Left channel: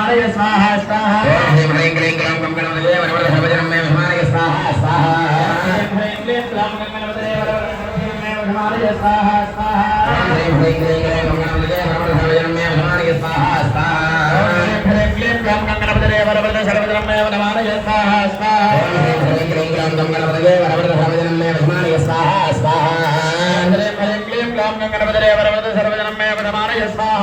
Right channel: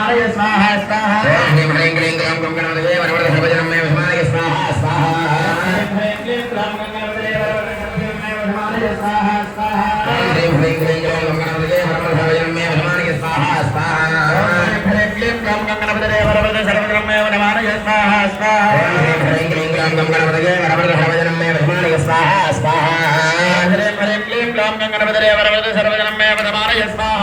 వనమాలయ స్వాహ స్వాహ. ఓం హ్రీం హ్రీం క్లీం గ్రాం గం గణపతయే వరవరద సర్వజనం మే విష్ణుమాయ స్వాహ స్వాహ ఓం హ్రీం హ్రీం క్లీం గ్రాం గం గణపతయే వరవరద సర్వజనం మే విష్ణుమాయ స్వాహ స్వాహ ఓం హ్రీం హ్రీం క్లీం గ్రాం గం గణపతయే వరవరద సర్వజనం మే విష్ణుమాయ స్వాహ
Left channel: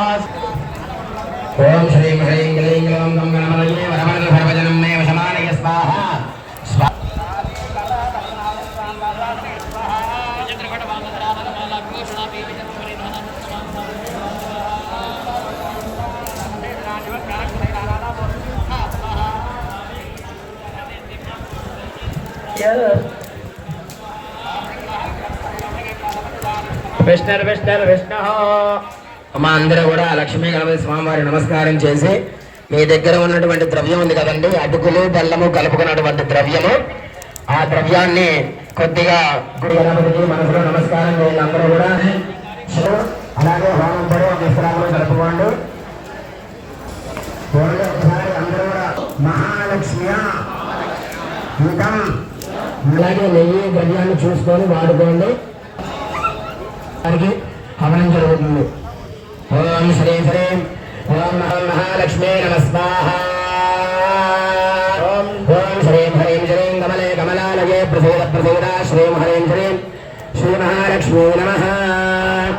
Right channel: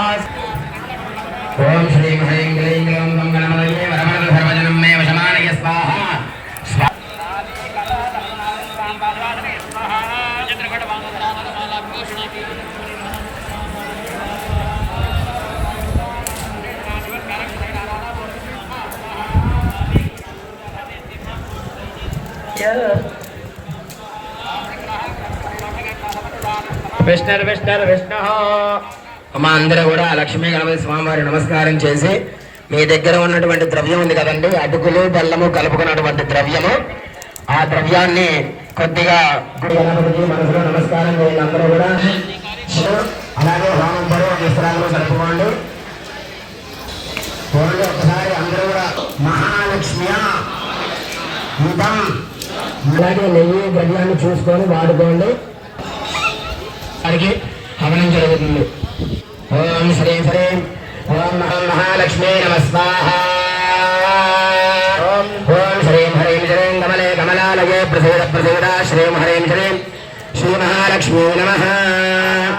ఓం శ్రీ హ్రీం క్లీం గ్రాం గం గణపతయే వరవరద సర్వజనం మే విష్ణుమాయ స్వాహ విష్ణు విష్ణు మా అందరూ కూడా లక్ష్మీ గణపతి స్వామివారి నమస్కారం చేసి మీ దగ్గర ఉన్నటువంటి ద్రవ్యం ఉంది కదండి అటుకులు బెల్లము కలుపుకున్నటువంటి ద్రవ్యము. ఆ ద్రవ్యాన్ని కొద్దిగా గురు గణపతికి మనసులో నమస్కారం అందరూ కూడా. అలాగే హోమం పరువు జరుపుకోండి. ఒకసారి అందరూ కూడా మహాలక్ష్మి అలాగే నెయ్యి ద్రవ్యాన్ని చూసుకొని వాడుకోండి. వారికి హవనం జరుగుతుంది. ओम श्री ह्रीं ओम महालक्ष्मी नम ओम। ओम श्रीं हरीं श्रीं कमले कमलालये प्रसीद प्रसीदा श्रीं हरीं श्रीं। श्री नमः।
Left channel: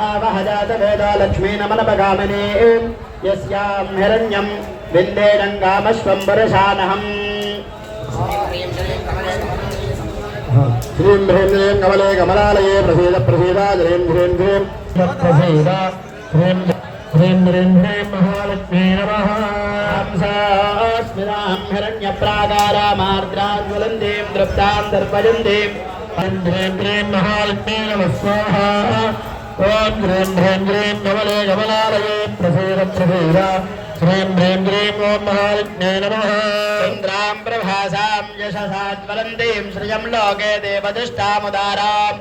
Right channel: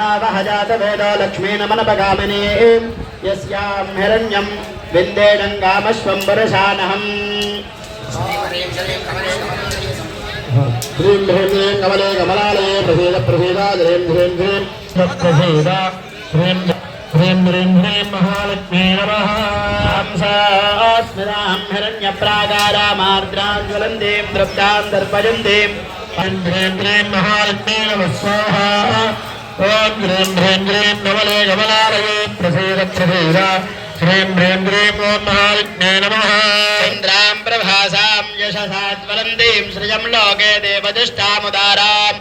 आवह जात वेदा लक्ष्मी नमनपगामने। यस्यां हिरण्यं विन्देणङ्गामस्वम्बरसानहम् श्रीं कमले कमलालये। कमले कमलालये प्रसीद प्रसीदा ह्रीं ह्रीं ह्रीं। प्रसीदा ह्रीं ह्रीं ह्रीं ह्रीं महालक्ष्मी नमः। स्मिरां हिरण्यप्राकारामार्द्रां ज्वलन्तीं तृप्तां दर्पयन्तीं ह्रीं ह्रीं ह्रीं महालक्ष्मी नमः। स्वाहा। ॐ ह्रीं ह्रीं ह्रीं नवले कमलालये प्रसीद प्रसीद ह्रीं ह्रीं ह्रीं ॐ महालक्ष्मी नमः। इन्द्रां प्रभासां यशसा ज्वलन्तीं श्रियं लोके देवतिष्ठामुदाराम्।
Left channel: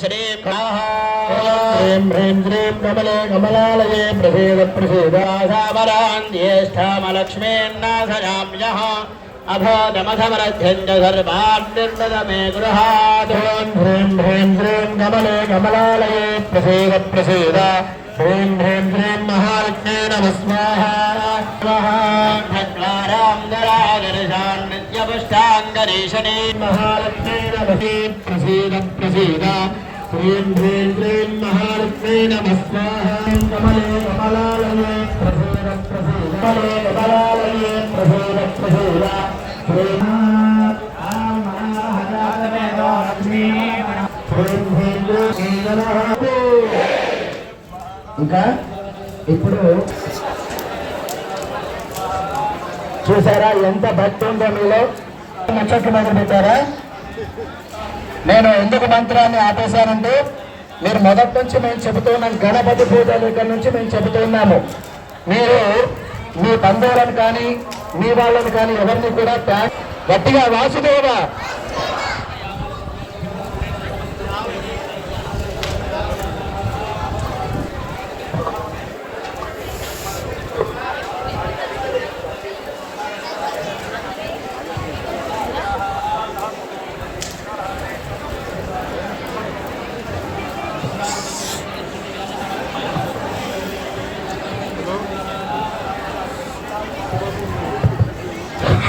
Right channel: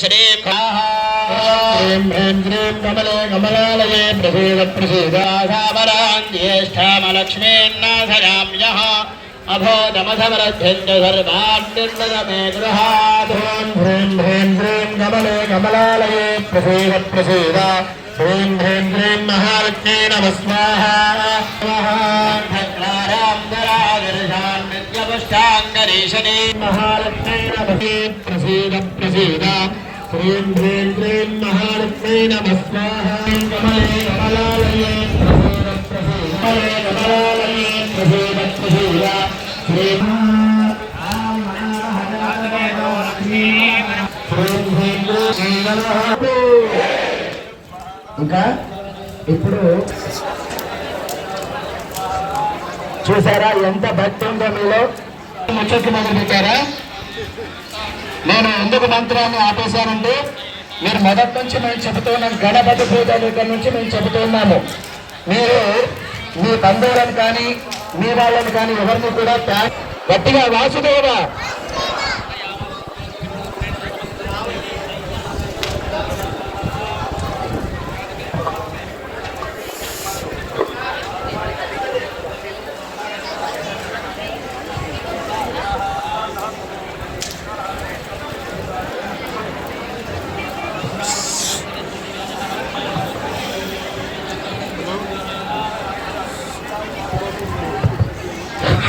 श्रीं ह्रीं कमले कमलालये प्रसीद प्रसीदासावरां ज्येष्ठामलक्ष्मीन्नाथयाम्यः अभोदमधमरध्यञ्च सर्वान् निर्मद मे गृहात् ह्रीं ह्रीं ह्रीं कमले कमलालये प्रसीद प्रसीद ह्रीं ह्रीं ह्रीं महालक्ष्मी प्रसीद प्रसीद ह्रीं ह्रीं ह्रीं महालक्ष्मी नमः स्वाहा कमले कमलालये प्रसीद प्रसीद कमले कमलालये प्रसीद प्रसीद ह्रीं ఇంకా ఇప్పుడు చూసారా ఎంత భక్తి ఉందో మీలో ముచ్చట్లు మొదలు పెట్టారా నేను ఎందుకు మంత్రాన్ని ఆపేశానంటే మీరు మొదటి నుంచి మేము చెబుతున్నాం గణపతి పూజ దగ్గర నుంచి మేము చెబుతున్నాము మీరు మీ బంధువులను కానీ మీ వాళ్ళని కానీ ఎవరిని కూడా గట్టిగా వాసుదేవ!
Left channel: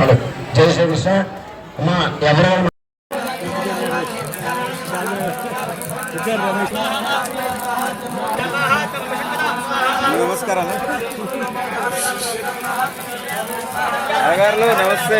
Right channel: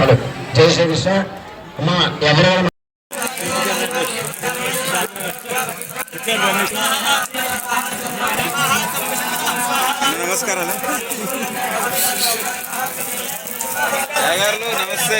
హలో. జై శ్రీకృష్ణ అమ్మా ఎవరైనా నమస్కారాలు. అయ్యగారు నమస్తే.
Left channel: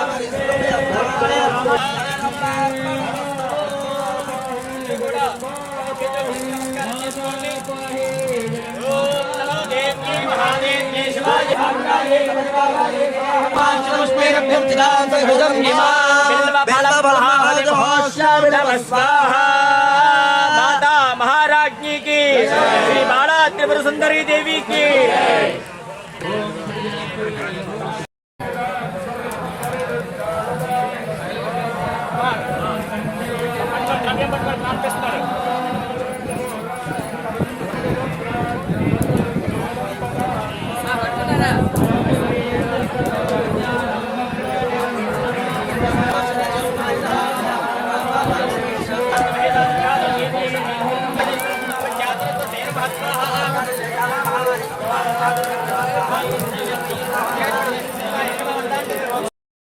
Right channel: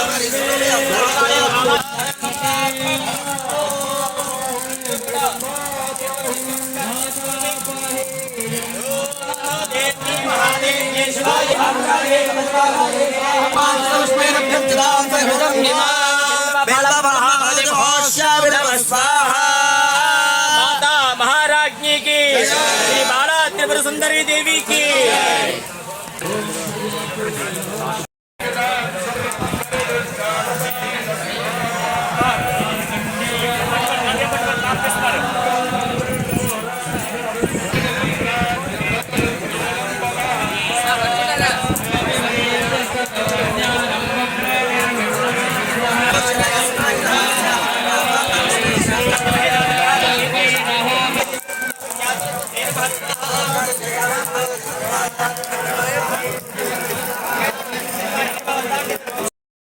ध्रुवं बिल्वफलमहादिघोषविदमस्वाहा माता की श्री बाला त्रिपुर सुंदरी देवी की